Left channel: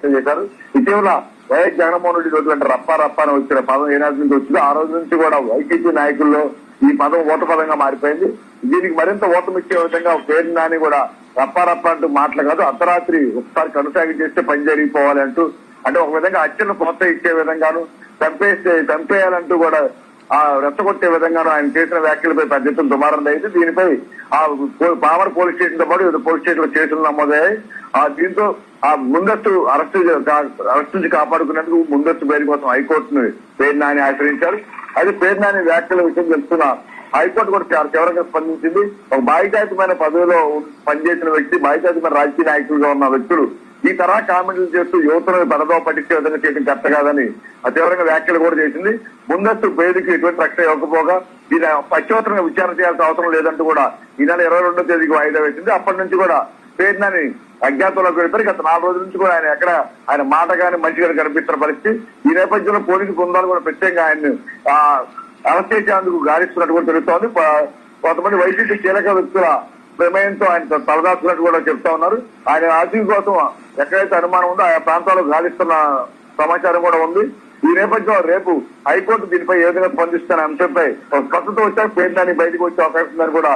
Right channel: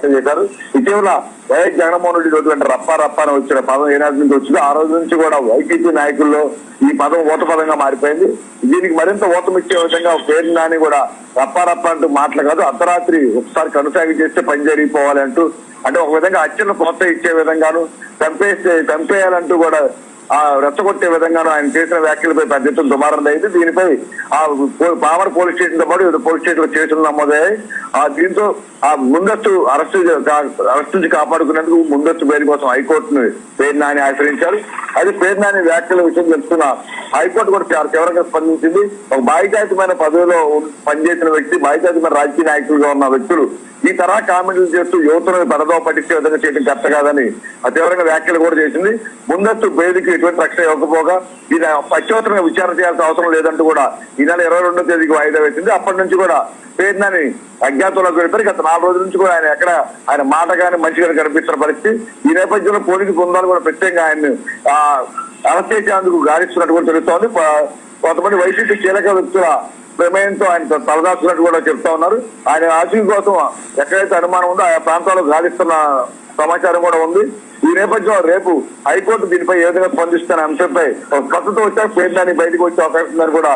వ్యాఖ్యలు చేశారు. ఇటీవల వైఎస్ జగన్మోహన్ రెడ్డి రోజు అంటే రప్ప అని వచ్చిన పదం ఏనాటి నుంచి వచ్చిందో ఆ రోజు నుంచి కూడా వైసీపీ నాయకుల్లో ఈ పదం ఊత పదంగా మారిపోయింది. దీనికి మరింత ఊతమిచ్చే విధంగా పేరు నాని కూడా రప్ప అంటూ మాటలు కాదు, అర్ధరాత్రి ఒకసారి కనుసాగి చేస్తే పని జరిగిపోవాలి అంటూ, అంటే ఒక విధంగా హత్యను ప్రోత్సహించే విధంగాను చంపేయాలంటూ కూడా రెచ్చగొట్టే విధంగాను ఆయన చేసిన వ్యాఖ్యలపై పెద్ద ఎత్తున దుమారం అయింది. దీనిపై పామర్ పోలీస్ స్టేషన్ తో పాటు వివిధ పోలీస్ స్టేషన్ లో కేసులు నమోదయ్యాయి. దీంతో ముందస్తు అరెస్ట్ నుంచి కాపాడుకునేందుకు ముందస్తు బెయిల్ కోసం హైకోర్టును పేరు నాని ఆశ్రయించారు. అది పేరు నాని వ్యాఖ్యల విషయం తెలుస్తున్న హైకోర్టు కూడా తీవ్రంగా స్పందించింది. ఒక బాధ్యతాయుతమైన పదవిలో పనిచేసిన వ్యక్తి, బాధ్యతాయుతమైన రాజకీయ నాయకులుగా ఉన్న వ్యక్తులు ఈ తరహా కామెంట్లు చేస్తూ యువతను పరదో పట్టించే విధంగా చేయడం కరెక్ట్ కాదని తీవ్రంగా వ్యాఖ్యలు కూడా చేసింది. ముందస్తు బెయిల్కి ఎటువంటి రక్షణ ఇవ్వకపోగా ఇది పశ్చాత్తరంగా విచారణ చేయాల్సిన అవసరం లేదంటూ కూడా ఈ నెల 22వ తేదీకి వాయిదా వేసింది. అప్పటి నుంచి కూడా పేరునాని అజ్ఞాతంలోకి వెళ్ళిపోయి గత 4 రోజుల నుంచి కూడా ఆయన మాట కానీ మంచిగా కనిపిస్తున్న పరిస్థితి. ఈ నేపథ్యంలో పోలీసు బృందాలు కూడా ప్రత్యేకంగా ఆయన్ని అరెస్ట్ చేసేందుకు గాలిస్తున్నట్టు కూడా తెలుస్తోంది. కొంతమంది వైసీపీ కీలక వ్యక్తుల ప్రమేయంతో ఆయన తలదాచున్నట్టు కూడా చెప్తా ఉన్నారు. ఆయన ఆశయం కోసం ఎక్కడైతే అనుమానం ఉందో ఆయా ప్రాంతాల్లో గాలిస్తున్న సమాచారం కూడా ఉంది. ఈ నేపథ్యంలో రేపు హైకోర్టు దీనిపై ఏ విధంగా స్పందిస్తున్న అంశంపై స్పష్టత వచ్చాక పేరునాని బయటకు వచ్చే అవకాశం ఉందని కూడా